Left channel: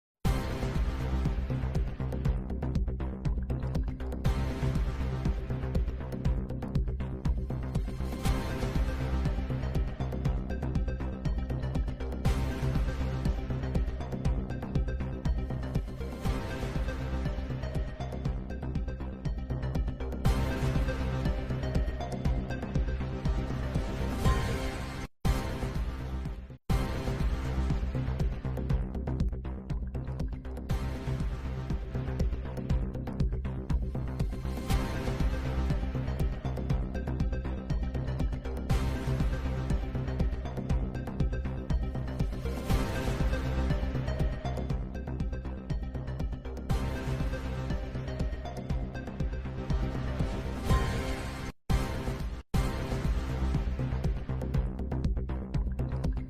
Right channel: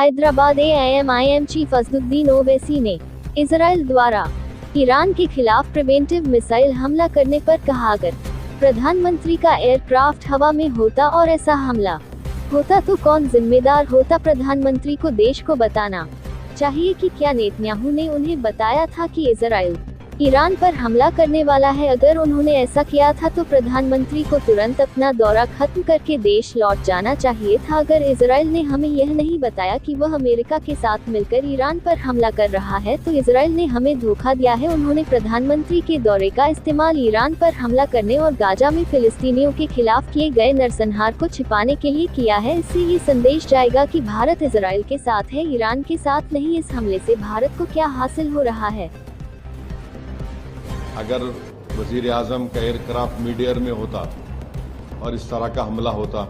Hyderabad AIM chief Asaduddin Owaisi ने Israel द्वारा Iran के खिलाफ प्रिवेंटिव मिसाइल हमला करने पर कहा, अगर प्रधानमंत्री का एयरक्राफ्ट हवा में होता और ऐसा हमला होता तो कौन जिम्मेदार होता। प्रधानमंत्री को देश को बताना चाहिए कि क्या नेतन्याहू ने उन्हें बताया था कि इजराइल ईरान पर हमला करने वाला है। अगर उन्होंने ऐसा किया था तो प्रधानमंत्री को तुरंत अपना दौरा खत्म करके देश लौट जाना चाहिए था। अगर इजराइल ने हमें यह नहीं बताया कि वह अमेरिका के साथ मिलकर ईरान पर हमला कर रहा है तो इजराइल ने हमें धोखा दिया है। उन्होंने प्रधानमंत्री के दौरे का इस्तेमाल ईरान पर हमला करने और गाजा में फिलिस्तीनियों के खिलाफ किए गए नरसंहार को छिपाने के लिए किया है। इससे ये संदेश जाएगा कि भारत इजराइल के साथ है, ईरान के साथ नहीं। इस हमले से भारत को क्या हासिल हो रहा है। अगर वजीर आजम का एयरक्राफ्ट मिड एयर में होता और इस तरह का हमला होता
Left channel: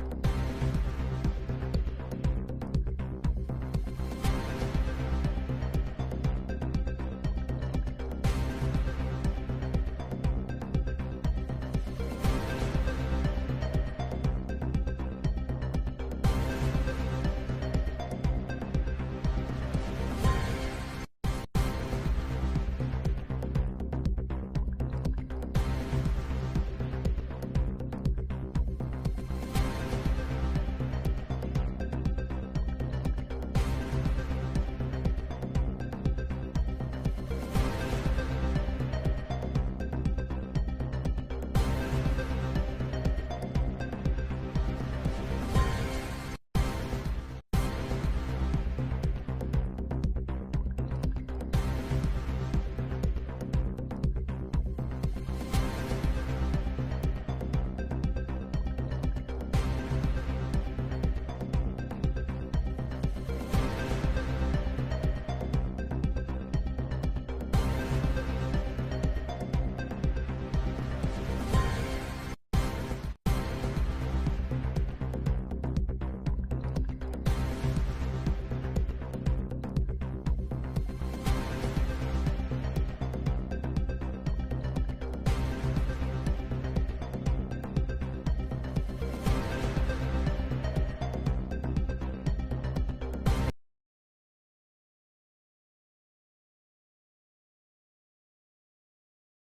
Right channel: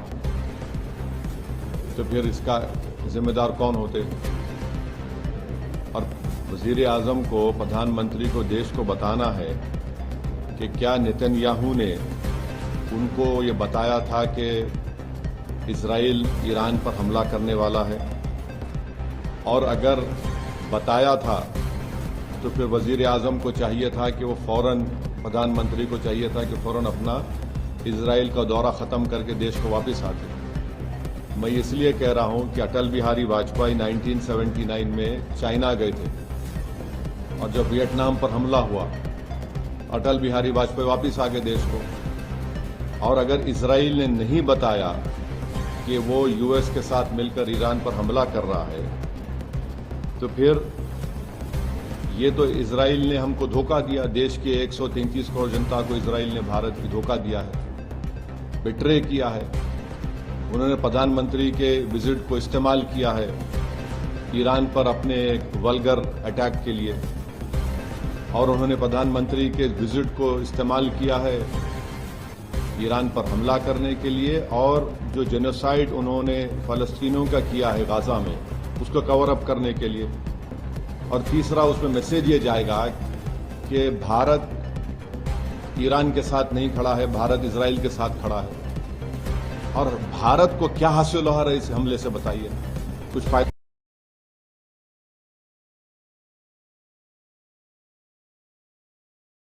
तो फिर इसका जिम्मेदार कौन होते। और वजीर आजम को, प्रधानमंत्री को देश को बताना है कि क्या नेतन्याहू ने उनको ये बताया था कि इजराइल ईरान पर हमला करने वाला है, और अगर बताया था तो फिर वजीर आजम को चाहिए था कि वो फौरन, प्रधानमंत्री को चाहिए था कि फौरन अपना इजराइल का दौरा ख़त्म करके देश को वापस आते। मैं इसलिए कह रहा हूं कि अटल बिहारी वाजपेयी 1979 में चाइना गए थे और जब वियतनाम पर हमला हुआ अटल बिहारी वाजपेयी वापस आ गए देश को। और अगर इजराइल ने नहीं बताया कि वो यूएस के साथ मिलकर ईरान पर हमला कर रहा है तो फिर ये तो इजराइल ने हमको धोखा दिया। देश के 133 करोड़ जनता को इजराइल ने, भारत की धोखा दिया है, बिट्रे किया है। उन्होंने प्रधानमंत्री के विजिट को इस्तेमाल किया है ईरान पर अपने एक वल्गर अटैक के लिए, और उन्होंने प्रधानमंत्री के विजिट को इस्तेमाल किया है ईरान पर हमला करने के लिए, और जो जेनोसाइड उन्होंने फलस्तीनियों का किया है गाजा में उसको कवर अप करने के लिए। और तीसरा, उसमें मैसेज ये जाएगा कि भारत ईरान के साथ नहीं खड़ा है, भारत इजराइल के साथ खड़ा है। और भारत को क्या हासिल हो रहा है इस हमले से, बताइए। कुछ फायदा